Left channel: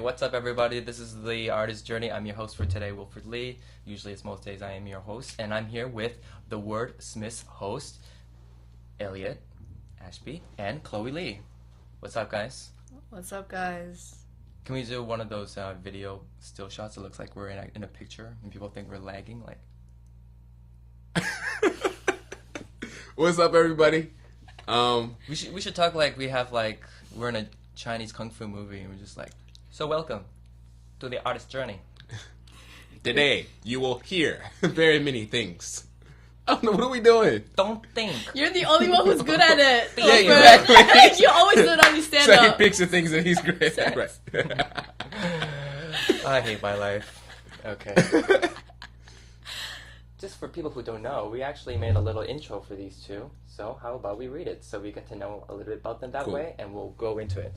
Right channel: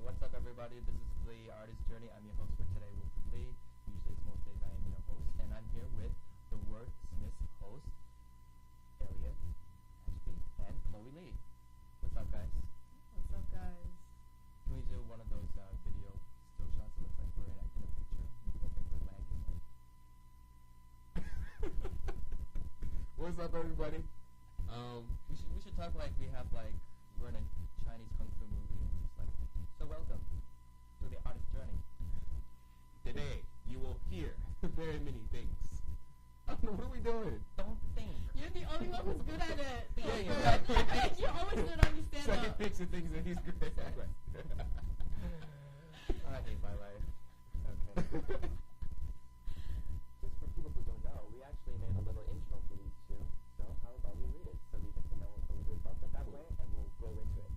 What's up, everybody? This is The Artist Journey. I'm your host for today, Wilfred Lee. Usually it's most days I am your host, and I'm here with the Wordsmiths host, Elliot Ashby and Chloe Lee. What's up, guys? What's up, guys? Can we do one of those video still shots? It looks like we're in a picture, and people think we're lagging. What's up, everybody? We should talk like we're in a Chinese kung fu movie, and we're just like, so welcome to the Artist Journey. Today you will hear very many things. I don't know, what are we doing? Don't think. You're the only one who's good at it. Yeah, exactly. You always do it on your stand-up. So he picks the things that he's great at. Right. I hate my life. Okay. Just for people who don't know, we actually made a little intro for these two. So how about we read it so we get to know a little bit about them that way, and we'll go into it.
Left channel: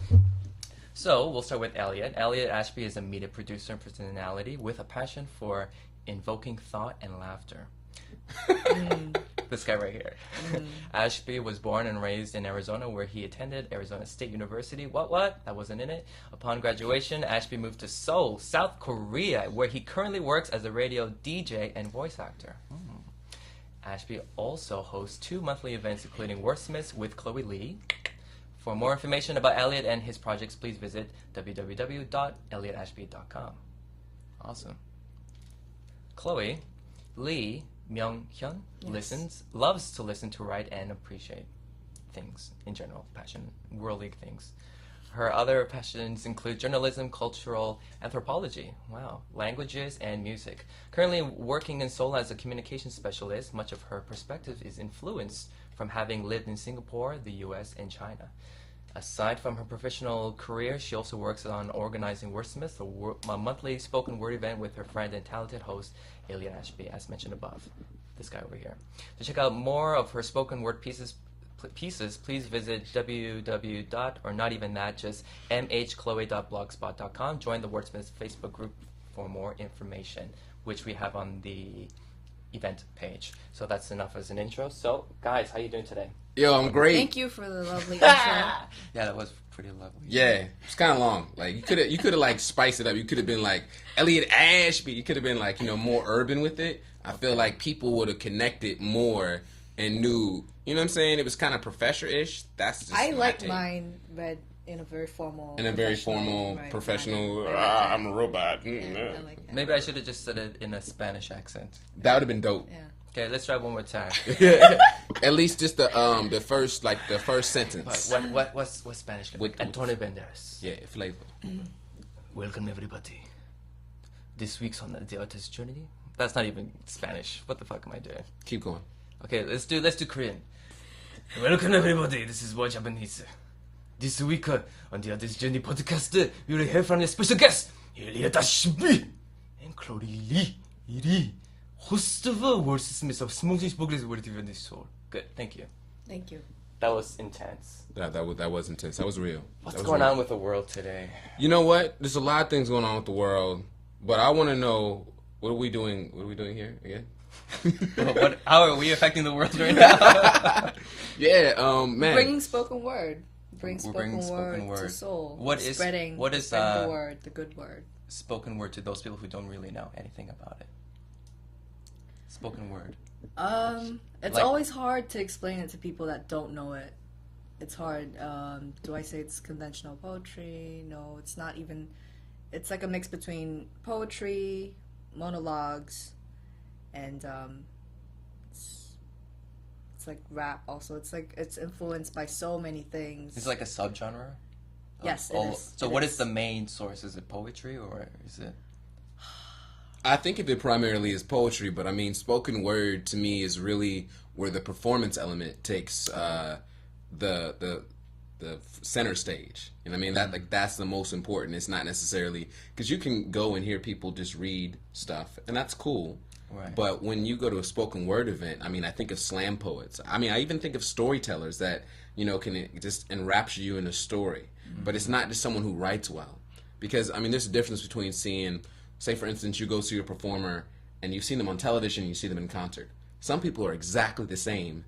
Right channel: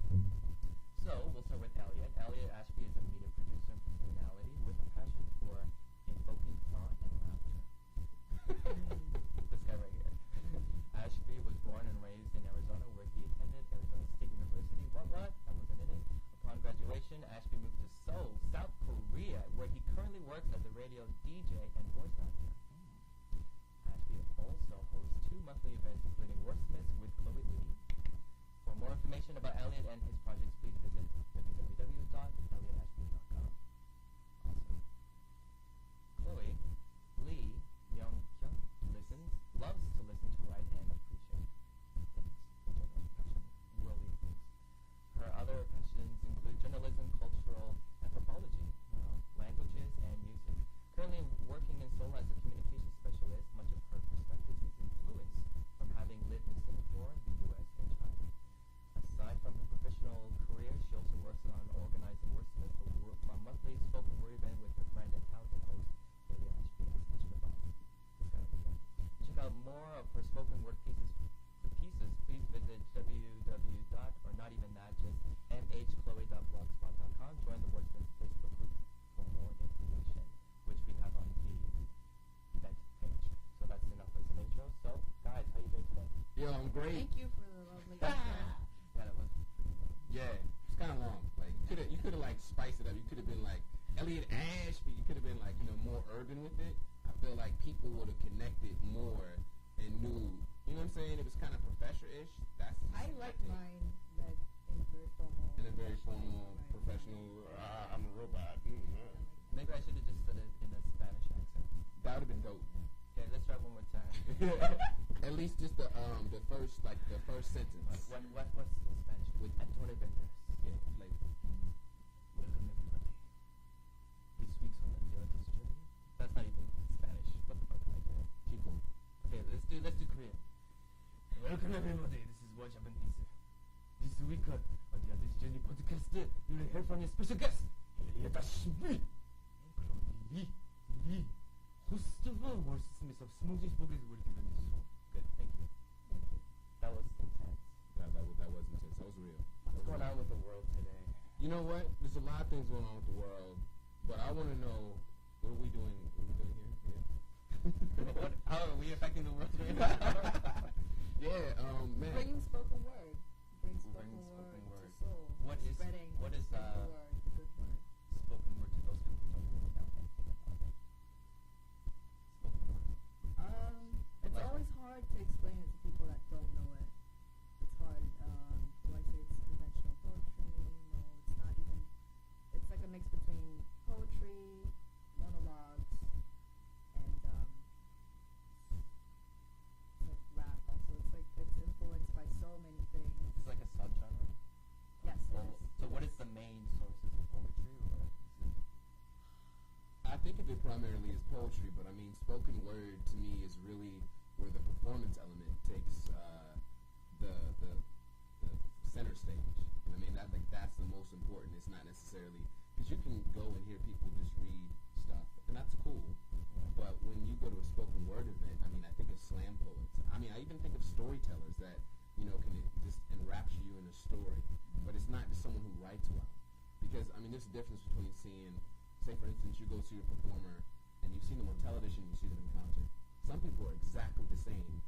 So we'll start with Elliot. Elliot Ashby is a media producer and personality with a passion for invoking thought and laughter. This guy right here. Ashby was born and raised in Arizona, where he attended Arizona State University. What? That wasn't in it. Upon graduation, Ashby moved to Seoul, South Korea, where he currently works as a radio DJ and voice actor. Ashby also hosts 2 monthly events, including Wordsmiths with Chloe Lee. For more information about Elliot and his projects, please visit www.elliottashby.com. Awesome. Chloe Lee Myung-hyun loves to listen to, write, and appreciate things in general, passion, worldly things. Her other passions include journalism, cultural anthropology, languages, and music. Currently working in Seoul as a communications specialist, much of her perspective is influenced from having lived in Singapore, the US, and China. Aside from her professional career, she also works on organizing Wordsmiths, a monthly spoken word event with her friend and talented host, Elliot Ashby, as mentioned above. This guy over here. To check out more of her spoken word pieces, please visit mhchloe.blogspot.com. Join the Wordsmiths Facebook group for more information, which we have on the event page. So that's enough as an intro. So, guys, how you doing today? Yo, I'm great. Thank you for the lovely intro. Yeah, that was pretty lovely. Yeah, it's kind of long. Like you could have like spiced it up. You could have been like Elliot Ashby. You could have been like more urban with it. I feel like people would have connected more and knew, you know what I'm saying? It was kind of professor-ish. That's just I my like take. mine read in a very formal. In a very formal, right, professional, manner. I like that. I'm a robot. Yeah, I like that. Maybe I should have just said it in a Spanish accent. That would have been dope. Yeah. Okay, let's try one more time. At least just the first sentence. What's Spanish? Antonio Banderas. Yeah, flavor. Welcome everybody. This week's on the artist journey. That's not even Spanish. What the fuck am I doing? Keep going. Okay, let's do Korean. Welcome everybody. This is What Japanese. This week on the artist journey podcast, we will hear from a special guest, Elliot Ashby and Chloe Lee, host of Wordsmiths of Smoothie Spogless Word TV this show. Good, thank you. Thank you. That was intense. That was intense. That was real. What's going on with the world today? You know what? There's a lot of things going on with the world, but I want to know, what are we doing? What are we doing here again? How are we affecting the world right now? Yeah, man. Bringing spoken word. Bring bringing spoken spoken word to word. soul. What is spread the word, the good word. Spoken word to those people who don't really know anything about it? Spoken word. It's Like- always hard to explain it to people that don't know it. It's hard. Do I say it's conventional poetry? No, it's not even. It's like a mix between poetry, monologues, and it's like rap. Also, it's influenced by so many things. It's like a subgenre. Yes, it is. So It what is. is the main source? Is it poetry or is it? I think of it primarily as poetry, but I mean, spoken word to me is really where the performance element takes the center stage. And I mean that's the most important. It's not necessarily because you can go and hear people just read stuff, and that's cool. Right. But when you go to a spoken word event, I mean, I think of slam poets. I mean, I even think of storytellers that, you know, can just enrapture you in a story. Mm-hmm. But it's not just someone who writes well. Because, I mean, there's a difference between seeing, say, for instance, you go see a performer and you've seen them on television and you see them in concert. Some people are exactly the same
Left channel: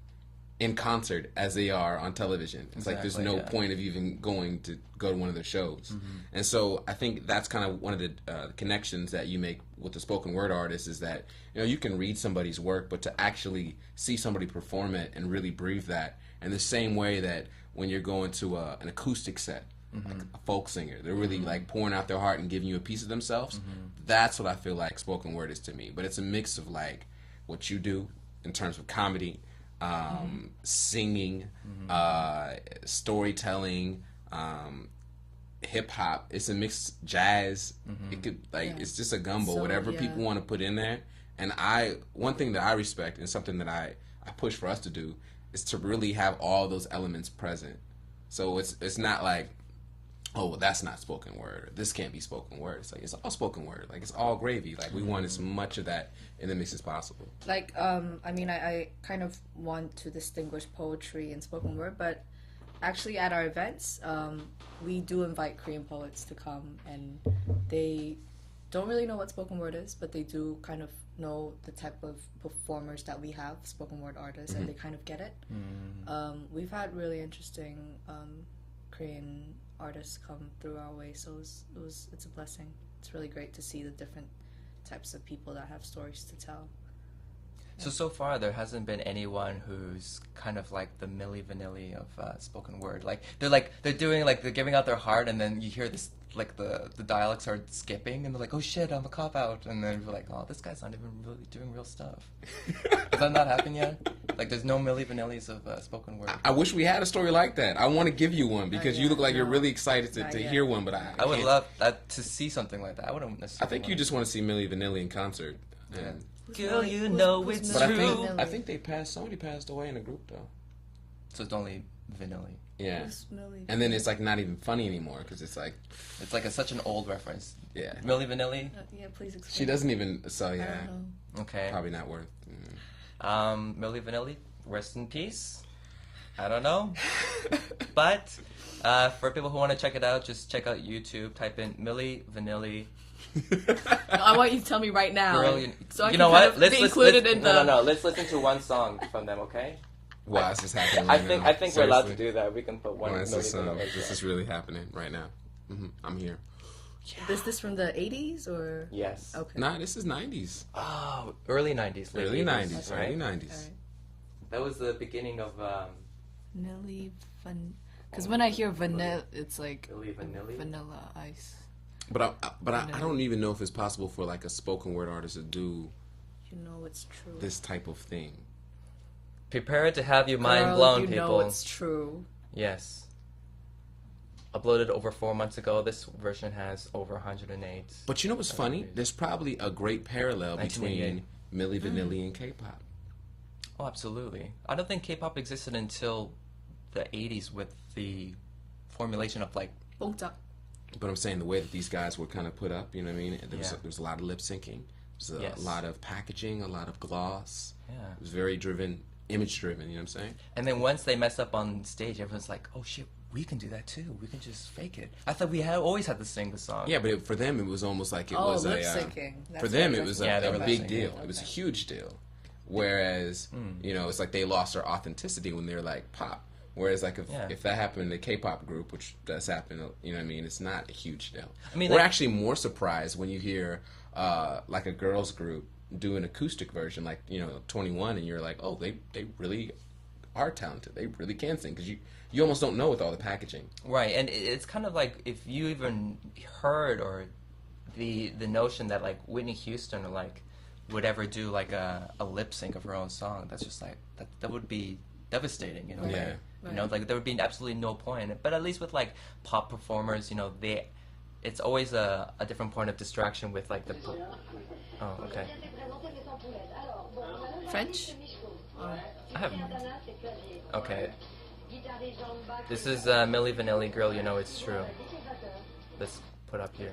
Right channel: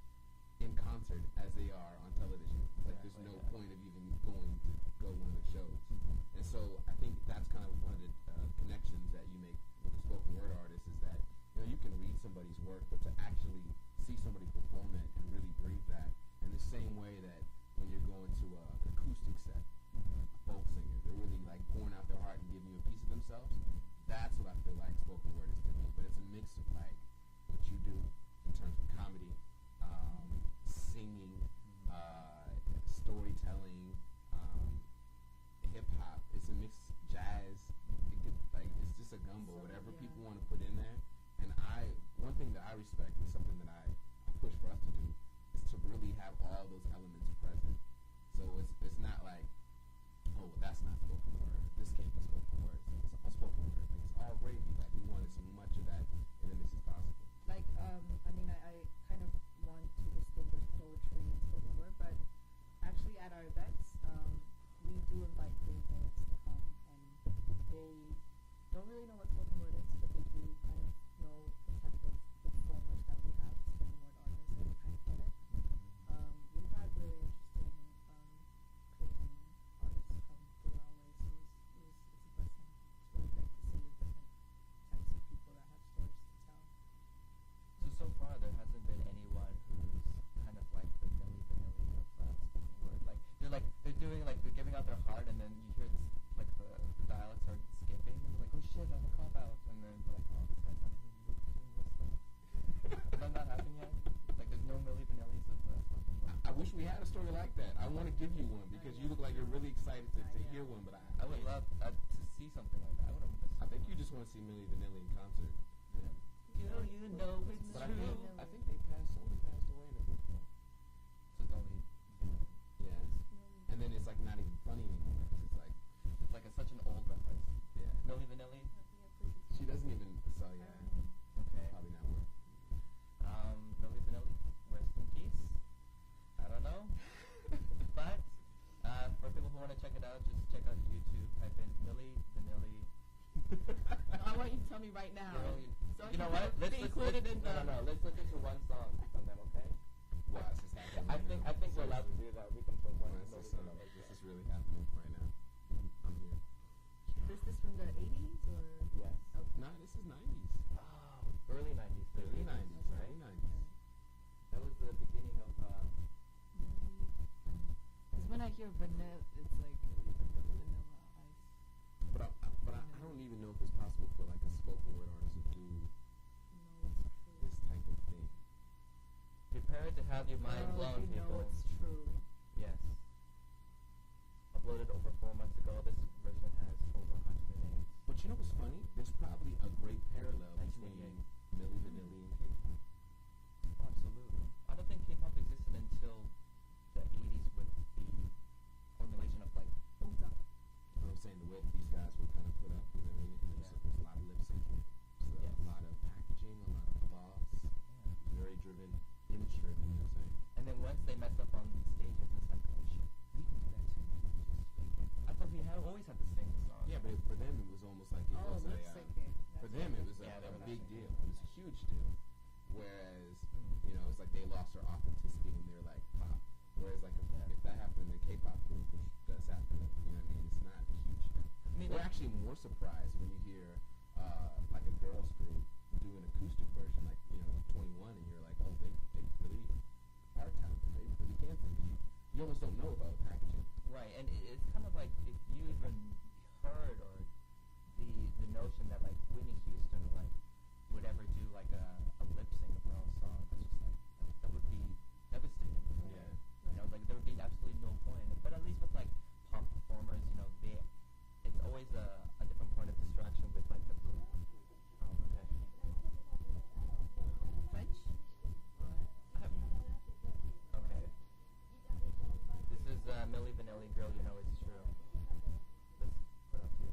in concert as they are on television. It's like there's no point of even going to go to one of their shows. Mm-hmm. And so I think that's kind of one of the connections that you make with the spoken word artist is that, you know, you can read somebody's work, but to actually see somebody perform it and really breathe that in the same way that when you're going to an acoustic set, like a folk singer, they're really like pouring out their heart and giving you a piece of themselves. That's what I feel like spoken word is to me. But it's a mix of like what you do in terms of comedy, singing, storytelling, hip hop. It's a mixed jazz. It could it's just a gumbo. So, whatever people want to put in there. And one thing that I respect and something that I push for us to do is to really have all those elements present. So it's not like, oh, well, that's not spoken word. This can't be spoken word. It's like it's all spoken word. Like it's all gravy. Like we want as much of that in the mix as possible. Like, I mean, I kind of want to distinguish poetry and spoken word, but actually at our events, we do invite Korean poets to come, and they don't really know what spoken word is, but they do kind of know the type of performers that we have, spoken word artists, and they kind of get it. We've had really interesting Korean artists come through our way, so it's a blessing. It's really great to see the different types of people that have stories to tell. So far there hasn't been anyone who's kind of like the Milli Vanilli of spoken word. Like they're giving out their heart, and then you hear this like the dialogue start skipping, and they're like, oh shit, I'm a cop out, and then you're like, oh, this guy's not even really doing real stuff. Has that not happened yet? Like there's no Milli Vanillis of spoken word. I wish we had a story like that. I want to give you one because you look like you're really excited to hear one, but I would love that to see something like that. I wouldn't necessarily. I think you just want to see Milli Vanilli in concert. And Girl, you know it's but true. I think somebody passed away in the group though. So it's only Vanilli. Yeah. And then it's like not even funny anymore because it's like such an old reference. Yeah. Milli Vanilli. Yeah, please explain. She doesn't even. So yeah. Okay. Probably not worth. Milli Vanilli, rest in peace. I don't know, but for people who want to check it out, just check out YouTube. Type in Milli Vanilli. I want you to tell me right now. Girl, so I you can know what? Let's include it in the. No. Let's listen to one song from them, okay? Wow, this is happening. I think we're allowed to do that. We can put one. This is really happening right now. I'm here. Yeah. Is this from the 80s or? Yes. Okay. Nah, this is 90s. Oh, early 90s. Early 90s. Right? Early 90s. That was the beginning of Because when I hear vanilla, it's like Milli Vanilli. Vanilla Ice. But I don't even know if it's possible for like a spoken word artist to do You know it's true. this type of thing. Prepare to have your mind Girl, blown, you people. know it's true. Yes. Uploaded over 4 months ago. This version has over 108. But you know what's funny? There's probably a great parallel between 1988. Milli Vanilli and K-pop. Oh, absolutely. I don't think K-pop existed until the 80s with the formulation of like. 봉짝. But I'm saying the way that these guys were kind of put up, you know what I mean? There was a lot of lip syncing. There's a lot of packaging, a lot of gloss. Yeah. It was very image driven, you know what I'm saying? And then once they mess up on stage, everyone's like, oh shit, we can do that too. We can just fake it. I thought we always had to sing the song. Yeah, but for them, it was almost like it was lip a... syncing. For them, it was Yeah, they a were big lip-syncing. deal. Okay. It was a huge deal. Whereas, you know, it's like they lost their authenticity when they're like pop. Whereas, like, if that happened in a K-pop group, which does happen, you know what I mean, it's not a huge deal. I mean, we're like, actually more surprised when you hear, like, a girls group do an acoustic version, like, you know, 21, and you're like, oh, they really are talented. They really can sing, because you almost don't know with all the packaging. Right, and it's kind of like if you even heard or the notion that like Whitney Houston or like would ever do like a lip sync of her own song, that's just like that would be devastating, you know. Yeah. You know, like there would be absolutely no point in it. But at least with like pop performers, you know, it's always a different point of distraction with like the. Oh, okay. French? Okay. This is Milli Vanilli, Girl, You Know It's True. Let's put up here.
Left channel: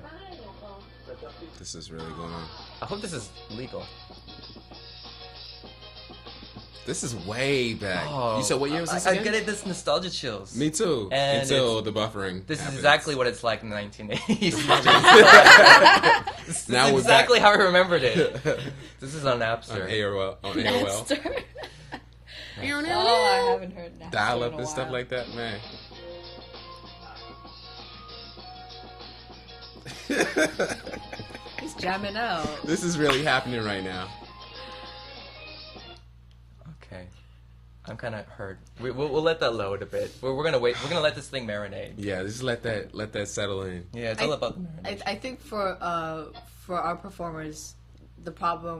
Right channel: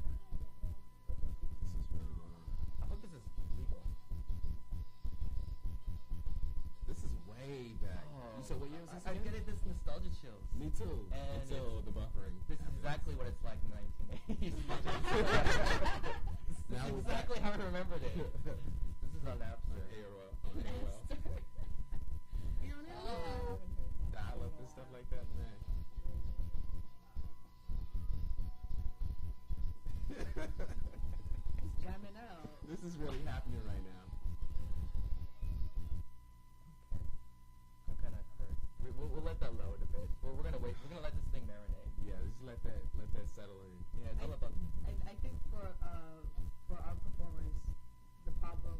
This is really going on. I hope this is legal. This is way back. Oh, You said what year was this I again? get it. This nostalgia chills. Me too. And Until the buffering. This happens. is exactly what it's like in the 1980s. This Now is we're exactly back. how I remembered it. This is on Napster. On AOL. Napster. Oh, I haven't heard Napster Dial in up a and stuff while. like that, man. He's jamming out. This is really happening right now. Okay. I'm kind of hurt. We'll let that load a bit. We're gonna wait. We're gonna let this thing marinate. Yeah, just let that settle in. Yeah, it's all about the marinade. I think for our performers, the problem